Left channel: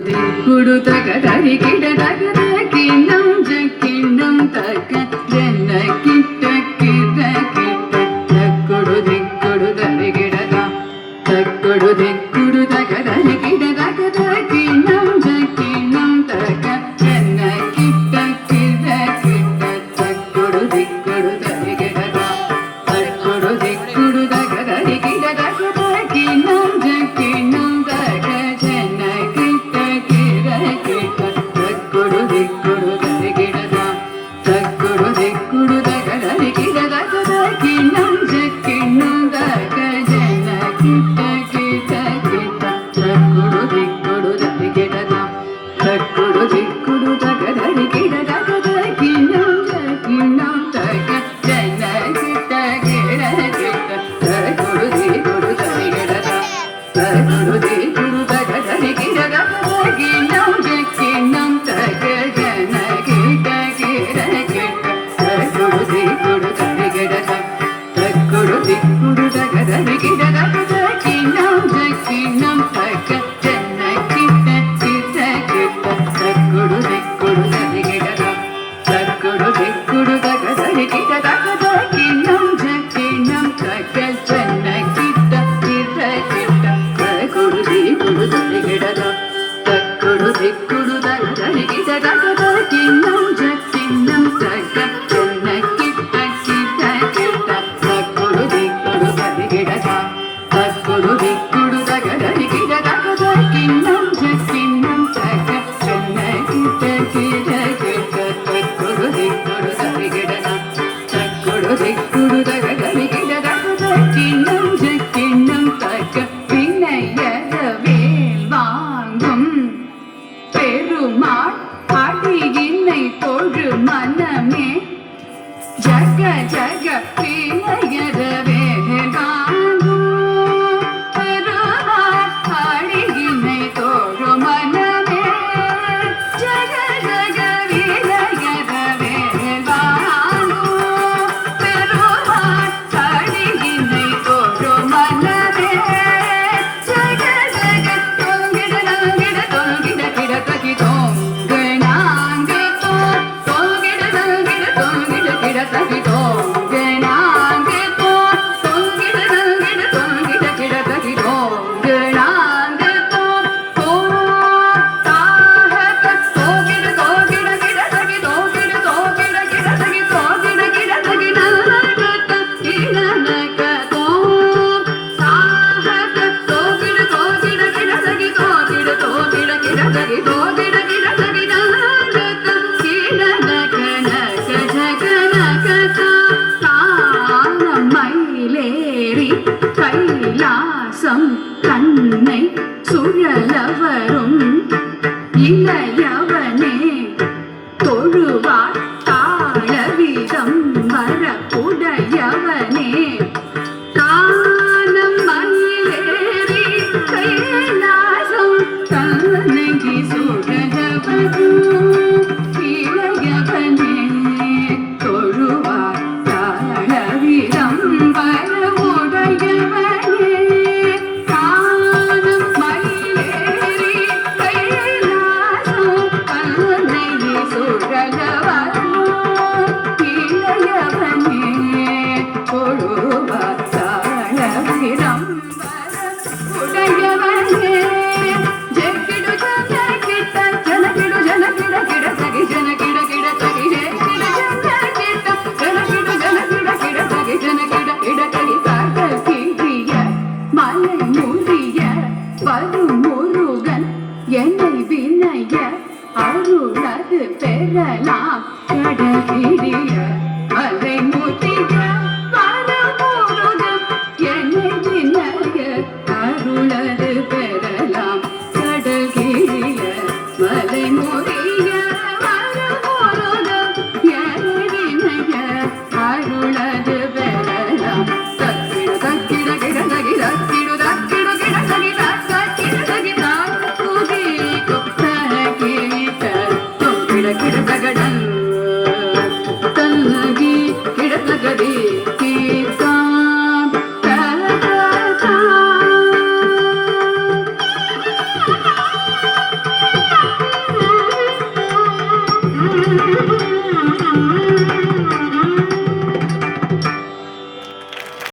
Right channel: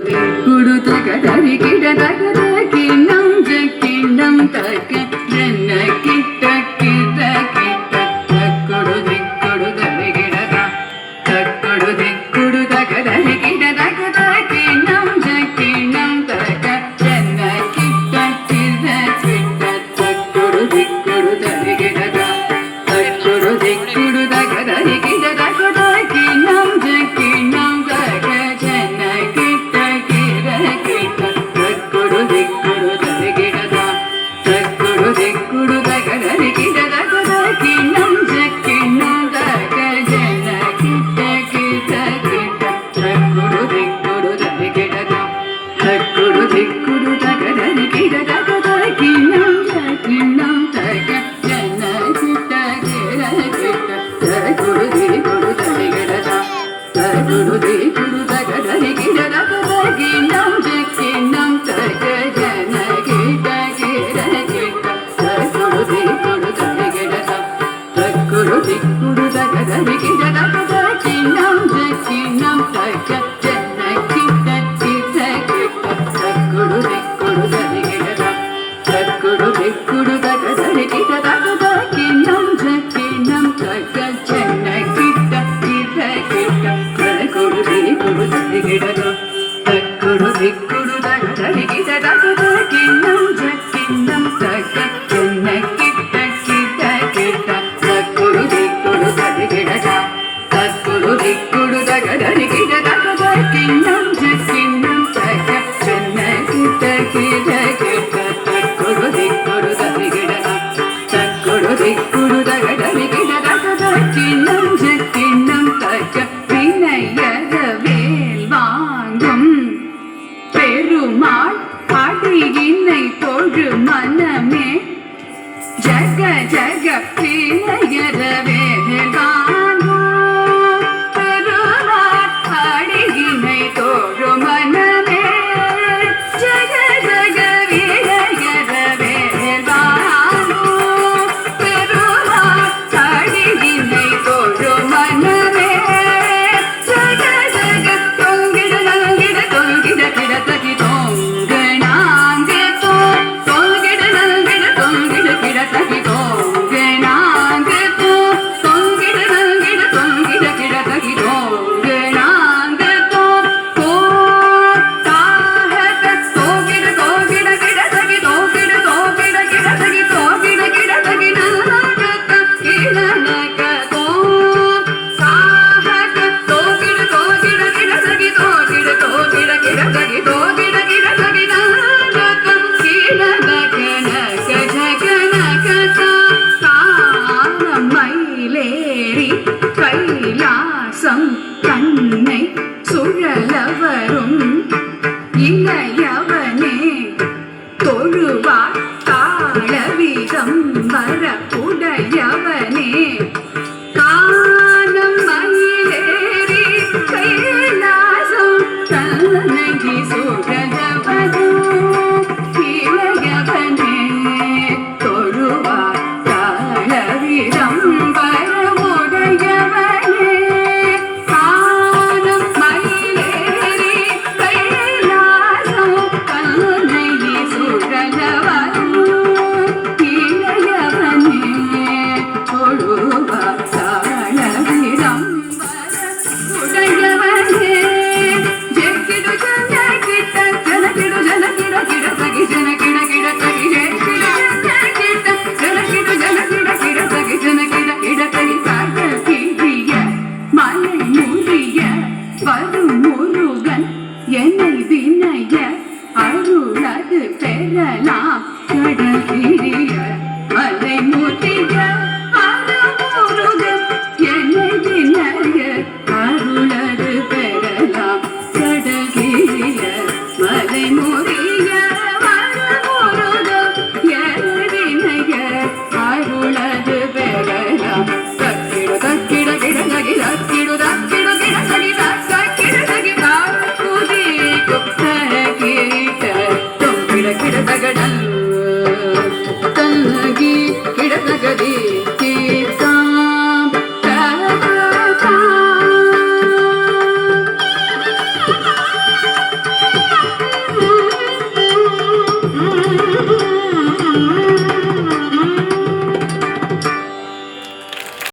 ಕುಡುತಗ ದರಿ ಗಿಡದಗದ ಕಿಣ್ಣಂ ಜಕ್ಕಿಣ್ಣಂ ತಕ ಜನ್ನ ಕಿಟ್ಟ ಕಿಟ್ಟ ಕಿಟ್ಟ ತಕ್ಕುಡು ದಿಕ್ಕುಡು ದರಿ ಗಿಡದ ತಕ್ಕುಡು ದಿಕ್ಕುಡು ತಗ ದರಿ ಗಿಡದಗದ ಕಿಣ್ಣಂ ಜಕ್ಕಿಣ್ಣಂ ತಕ ಜನ್ನ ಕಿಟ್ಟ ಕಿಟ್ಟ ಕಿಟ್ಟ ತಕ್ಕುಡು ದಿಕ್ಕುಡು ದರಿ ಗಿಡದ ತಕ್ಕುಡು ದಿಕ್ಕುಡು ತಗ ದರಿ ಗಿಡದಗದ ಕಿಣ್ಣಂ ಜಕ್ಕಿಣ್ಣಂ ತಕ ಜನ್ನ ಕಿಟ್ಟ ತಕ್ಕುಡು ದಿಕ್ಕುಡು ದರಿ ಗಿಡದ ತಕ್ಕುಡು ದಿಕ್ಕುಡು ತಗ ದರಿ ಗಿಡದಗದ ಕಿಣ್ಣಂ ಜಕ್ಕಿಣ್ಣಂ ತಕ ಜನ್ನ ಕಿಟ್ಟ ಕಿಟ್ಟ ಕಿಟ್ಟ ತಕ್ಕುಡು ದಿಕ್ಕುಡು ದರಿ ಗಿಡದ ತಕ್ಕುಡು ದಿಕ್ಕುಡು ತಗ ದರಿ ಗಿಡದಗದ ಕಿಣ್ಣಂ ಜಕ್ಕಿಣ್ಣಂ ತಕ ಜನ್ನ ಕಿಟ್ಟ ಕಿಟ್ಟ ಕಿಟ್ಟ ತಕ್ಕುಡು ದಿಕ್ಕುಡು ದರಿ ಗಿಡದ ತಕ್ಕುಡು ದಿಕ್ಕುಡು ತಗ ದರಿ ಗಿಡದಗದ ಕಿಣ್ಣಂ ಜಕ್ಕಿಣ್ಣಂ ತಕ ಜನ್ನ ಕಿಟ್ಟ ಕಿಟ್ಟ ಕಿಟ್ಟ ತಕ್ಕುಡು ದಿಕ್ಕುಡು ದರಿ ಗಿಡದ ತಕ್ಕುಡು ದಿಕ್ಕುಡು ತಗ ದರಿ ಗಿಡದಗದ ಕಿಣ್ಣಂ ಜಕ್ಕಿಣ್ಣಂ ತಕ ಜನ್ನ ಕಿಟ್ಟ ಕಿಟ್ಟ ಕಿಟ್ಟ ತಕ್ಕುಡು ದಿಕ್ಕುಡು ದರಿ ಗಿಡದ ತಕ್ಕುಡು ದಿಕ್ಕುಡು ತಗ ದರಿ ಗಿಡದಗದ ಕಿಣ್ಣಂ ಜಕ್ಕಿಣ್ಣಂ ತಕ ಜನ್ನ ಕಿಟ್ಟ ಕಿಟ್ಟ ಕಿಟ್ಟ ತಕ್ಕುಡು ದಿಕ್ಕುಡು ದರಿ ಗಿಡದ ತಕ್ಕುಡು ದಿಕ್ಕುಡು ತಗ ದರಿ ಗಿಡದಗದ ಕಿಣ್ಣಂ ಜಕ್ಕಿಣ್ಣಂ ತಕ ಜನ್ನ ಕಿಟ್ಟ ಕಿಟ್ಟ ಕಿಟ್ಟ ತಕ್ಕುಡು ದಿಕ್ಕುಡು ದರಿ ಗಿಡದ ತಕ್ಕುಡು ದಿಕ್ಕುಡು ತಗ ದರಿ ಗಿಡದಗದ ಕಿಣ್ಣಂ ಜಕ್ಕಿಣ್ಣಂ ತಕ ಜನ್ನ ಕಿಟ್ಟ ಕಿಟ್ಟ ಕಿಟ್ಟ ತಕ್ಕುಡು ದಿಕ್ಕುಡು ದರಿ ಗಿಡದ ತಕ್ಕುಡು ದಿಕ್ಕುಡು ತಗ ದರಿ ಗಿಡದಗದ ಕಿಣ್ಣಂ ಜಕ್ಕಿಣ್ಣಂ ತಕ வினையத வேல் வாங்கும் பெருமாள் அடியினை தொழு மனமே ஜக ஜக வினையத வேல் வாங்கும் பெருமாள் அடியினை தொழு மனமே ஜக ஜக வினையத வேல் வாங்கும் பெருமாள் அடியினை தொழு மனமே ஜக ஜக தொங்கிட தொங்கிட தொங்கிட கிட தகி தொங்கனாங்க தோ தொங்கிட தொங்கிட தொங்கிட கிட தகி தொங்கனாங்க தோ தொங்கிட தொங்கிட தொங்கிட கிட தகி தொங்கனாங்க தோ தோ தாஹத தொங்கிட தொங்கிட கிட தகி தொங்கிட தொங்கிட கிட தகி தொங்கிட கிட தகி நாக கிடனக தோ தாஹத தொங்கிட தொங்கிட கிட தகி தொங்கிட தொங்கிட கிட தகி தொங்கிட கிட தகி நாக கிடனக நக ஜகனக தானம் மயிலேறி கைலாசம் தன்னை சுழலவரும் இளையவனே தொழுவார் தாழவிதம் வரப்புடையவனே தானம் மயிலேறி கைலாசம் தன்னை சுழலவரும் இளையவனே தொழுவார் தாழவிதம் வரப்புடையவனே தானம் மயிலேறி கைலாசம் தன்னை சுழலவரும் இளையவனே தொழுவார் தாழவிதம் வரப்புடையவனே ஜெக்கிடு ஜன கிட்ட ஜன கிடு ஜன கிட கிட தகி ஜன கிட கிட தகி ஜெக்கிடு ஜன கிட்ட ஜன கிடு ஜன கிட கிட தகி ஜன கிட கிட தகி தக கிரிய மலை முறிய வரும் முருகன் என்னை வினைய அருளது பெறலாம் கடகிரிய மலை முறிய வரும் முருகன் என்னை வினைய அருளது பெறலாம் கடகிரிய மலை முறிய வரும் முருகன் என்னை வினைய அருளது பெறலாம் தக்கிடு தக்கிட கிட தகி தக்கிடு தக்கிடு கிட தகி தக்கிட தகி தாக்குதி குப்தர கிரீட தொங்கிட கிட தகடல் தல்லகி கிட தகதி